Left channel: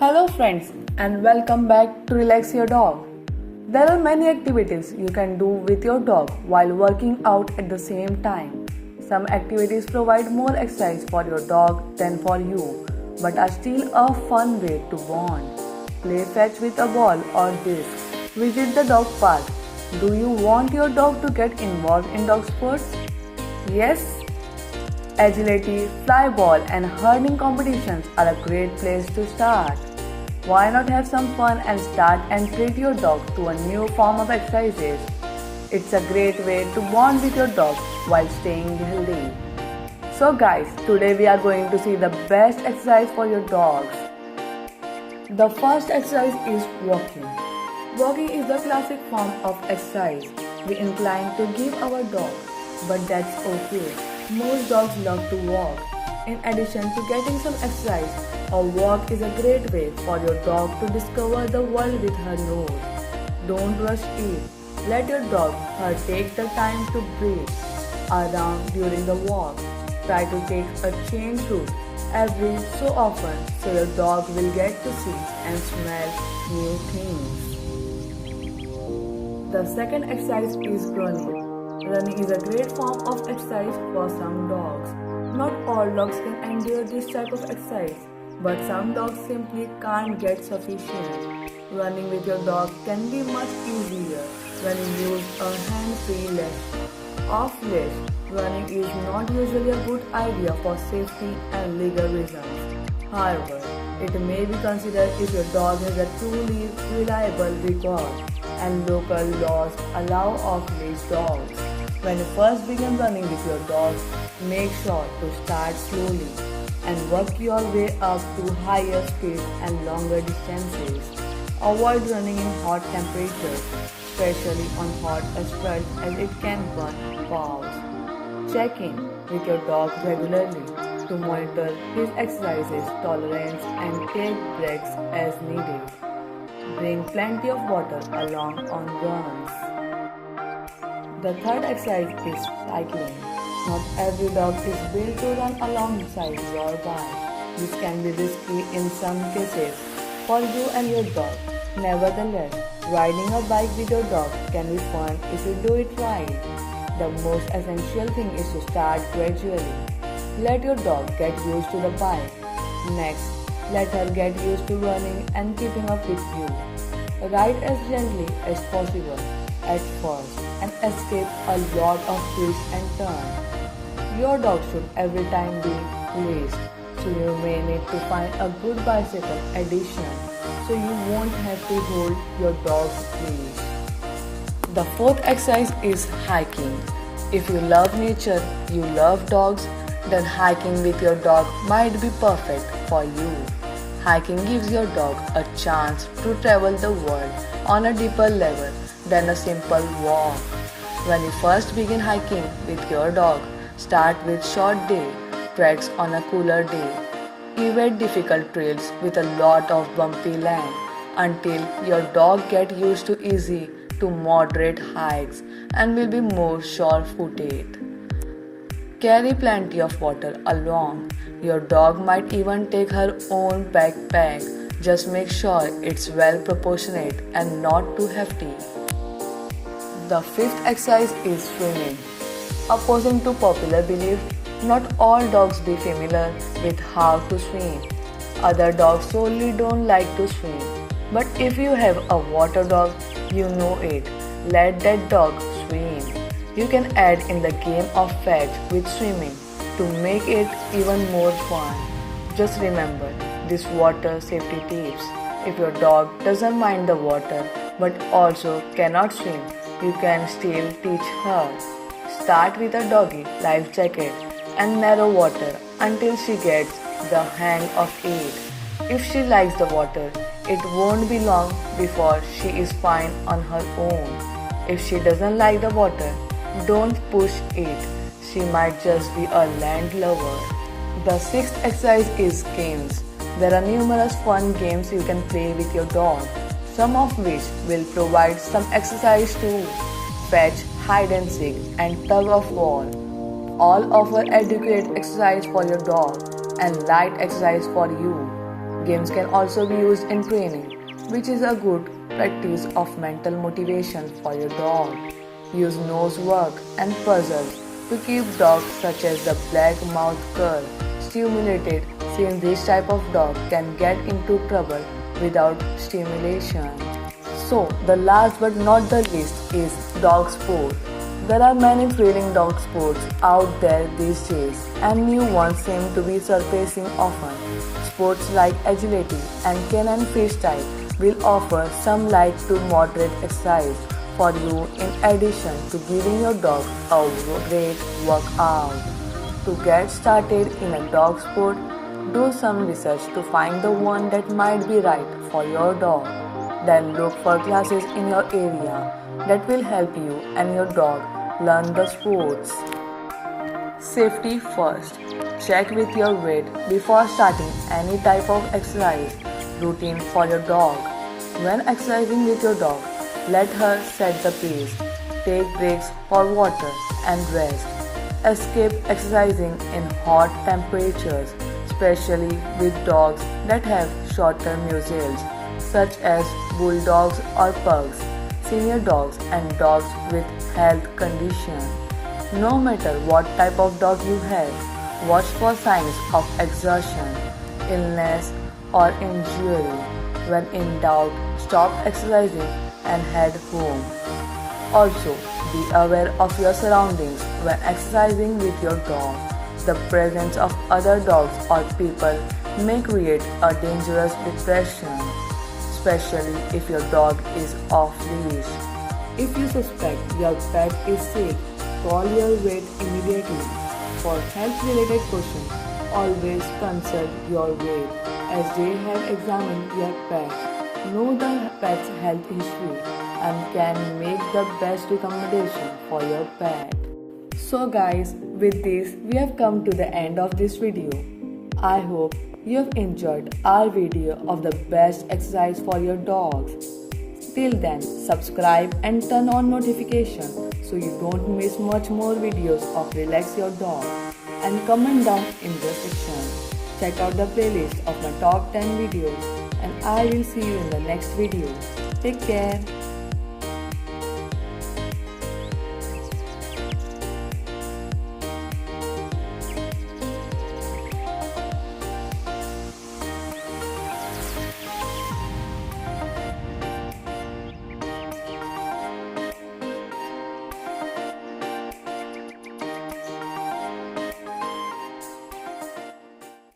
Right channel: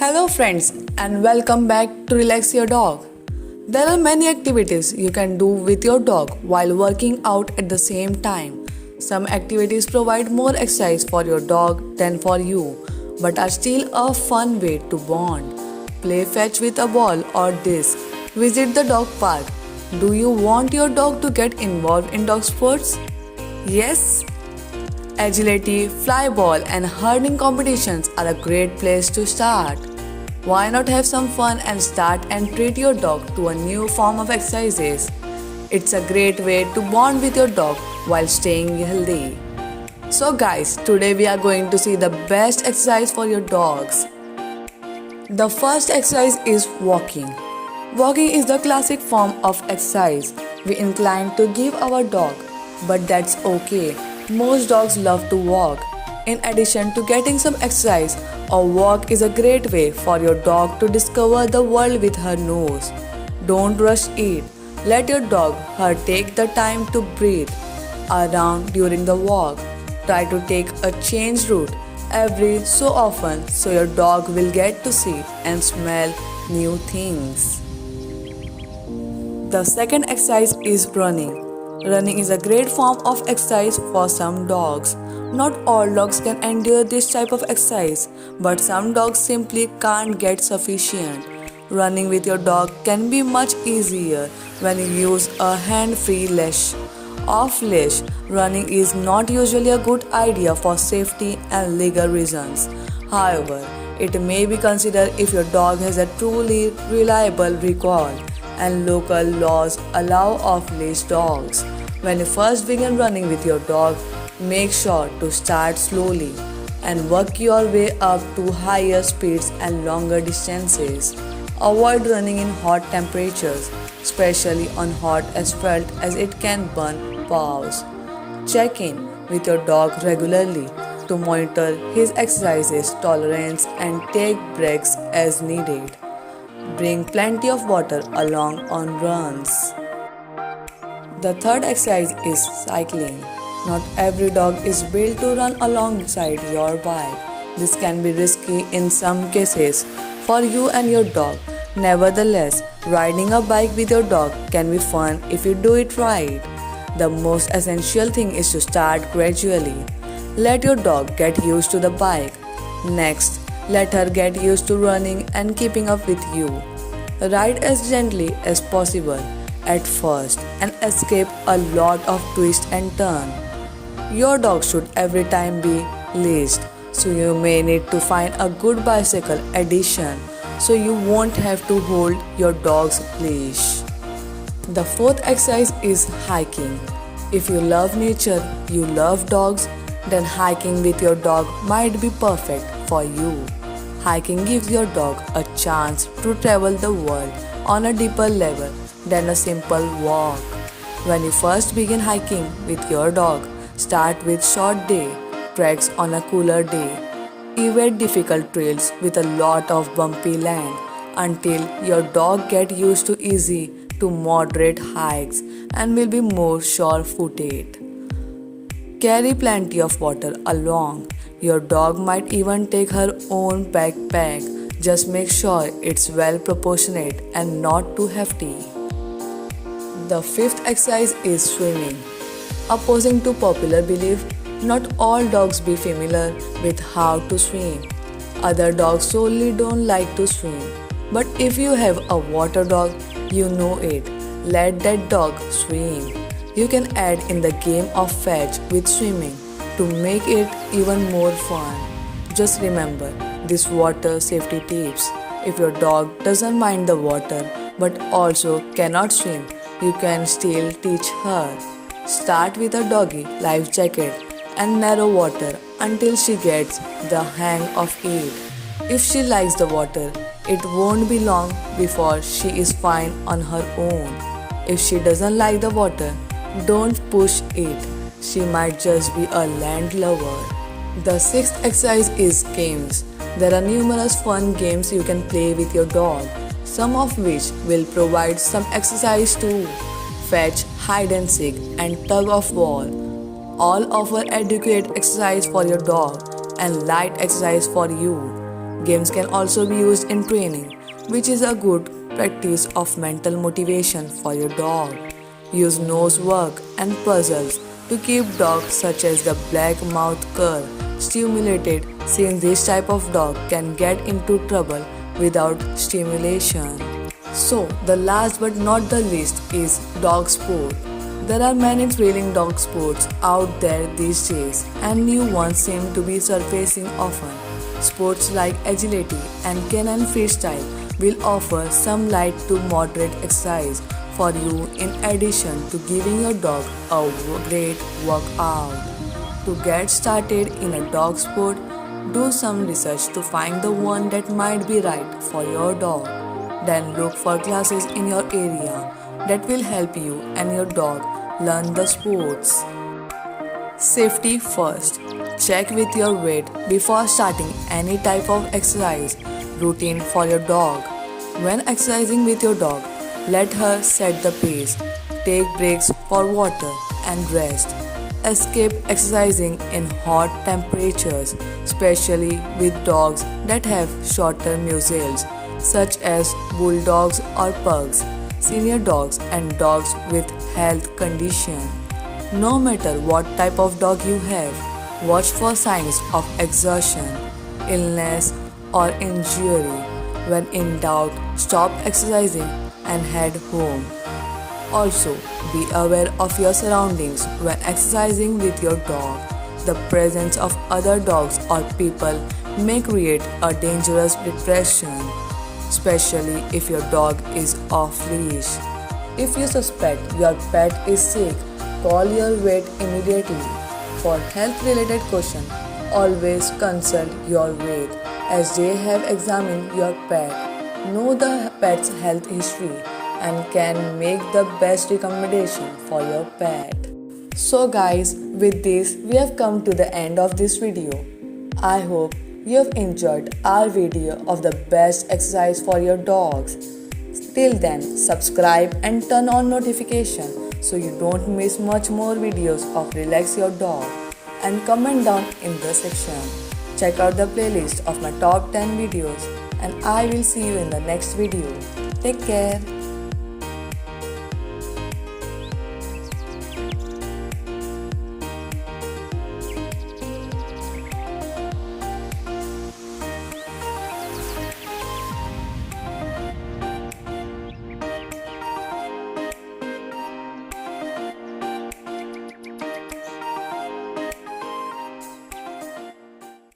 Hello, friends, and welcome back to Relax Your Dog. There are many activities you can do with your dog while working out at the same time. Some activities provide more exercise for your dog than for you, but are still a fun way to bond. Play fetch with a ball or disc. Visit the dog park. Do you want your dog to get involved in dog sports? Yes? Agility, fly ball, and herding competitions are a great place to start. Why not have some fun and start and treat your dog to a new form of exercises? It's a great way to bond with your dog while staying healthy. So, guys, today we are going to see the best exercise for your dogs. The first exercise is walking. Walking is the classic form of exercise we incline to give our dog, but that's okay. Most dogs love to walk. In addition to getting some exercise, a walk is a great way for your dog to discover the world with her nose. Don't rush it. Let your dog her take the time to breathe around during the walk. Try to take a changed route every so often so your dog will get to see and smell new things. The second exercise is running. Running is a great form of exercise for some dogs. Not all dogs can endure this type of exercise, but some dogs simply can't get sufficient. Running with your dog can be much easier when you use a hand-free leash. Off leash running is not usually a good idea for safety and legal reasons. However, it may be considered if your dog has a truly reliable record, and local laws allow off-leash dogs. When you first begin running with your dog, make sure to start slowly and work your way up to higher speeds and longer distances. Avoid running in hot temperatures, especially on hot asphalt as it can burn paws. Check in with your dog regularly to monitor his exercises tolerance and take breaks as needed. Bring plenty of water along on runs. The third exercise is cycling. Not every dog is built to run alongside your bike. This can be risky in some cases for you and your dog. Nevertheless, riding a bike with your dog can be fun if you do it right. The most essential thing is to start gradually. Let your dog get used to the bike. Next, let her get used to running and keeping up with you. Ride as gently as possible at first and escape a lot of twists and turns. Your dog should every time be leashed, so you may need to find a good bicycle addition so you won't have to hold your dog's leash. The fourth exercise is hiking. If you love nature, you love dogs, then hiking with your dog might be perfect for you. Hiking gives your dog a chance to travel the world on a deeper level than a simple walk. When you first begin hiking with your dog, start with short day treks on a cooler day. Evade difficult trails with a lot of bumpy land until your dog gets used to easy to moderate hikes and will be more sure-footed. Carry plenty of water along. Your dog might even take her own backpack. Just make sure it's well proportionate and not too hefty. The fifth exercise is swimming. Opposing to popular belief, not all dogs be familiar with how to swim. Other dogs solely don't like to swim. But if you have a water dog, you know it. Let that dog swim. You can add in the game of fetch with swimming to make it even more fun. Just remember these water safety tips. If your dog doesn't mind the water but also cannot swim, you can still teach her. Start with a doggy life jacket and narrow water until she gets the hang of it. If she likes the water, it won't be long before she is fine on her own. If she doesn't like the water, don't push it. She might just be a land lover. The sixth exercise is games. There are numerous fun games you can play with your dog, some of which will provide some exercise too. Fetch, hide and seek, and tug of war all offer adequate exercise for your dog and light exercise for you. Games can also be used in training, which is a good practice of mental motivation for your dog. Use nose work and puzzles to keep dogs such as the black mouth cur stimulated, since this type of dog can get into trouble without stimulation. So, the last but not the least is dog sport. There are many thrilling dog sports out there these days, and new ones seem to be surfacing often. Sports like agility and canine freestyle will offer some light to moderate exercise for you in addition to giving your dog a great workout. To get started in a dog sport, do some research to find the one that might be right for your dog. Then look for classes in your area that will help you and your dog learn the sports. Safety first. Check with your vet before starting any type of exercise routine for your dog. When exercising with your dog, let her set the pace. Take breaks for water and rest. Escape exercising in hot temperatures, especially with dogs that have shorter muzzles, such as bulldogs or pugs, senior dogs, and dogs with health conditions. No matter what type of dog you have, watch for signs of exhaustion, illness, or injury. When in doubt, stop exercising and head home. Also, be aware of your surroundings when exercising with your dog. The presence of other dogs or people may create a dangerous depression, especially if your dog is off leash. If you suspect your pet is sick, call your vet immediately. For health related questions, always consult your vet as they have examined your pet, know the pet's health history, and can make the best recommendation for your pet. So guys, with this we have come to the end of this video. I hope you have enjoyed our video of the best exercise for your dogs. Till then, subscribe and turn on notification so you don't miss much more videos of Relax Your Dog, and comment down in the section. Check out the playlist of my top 10 videos, and I will see you in the next video. Take care.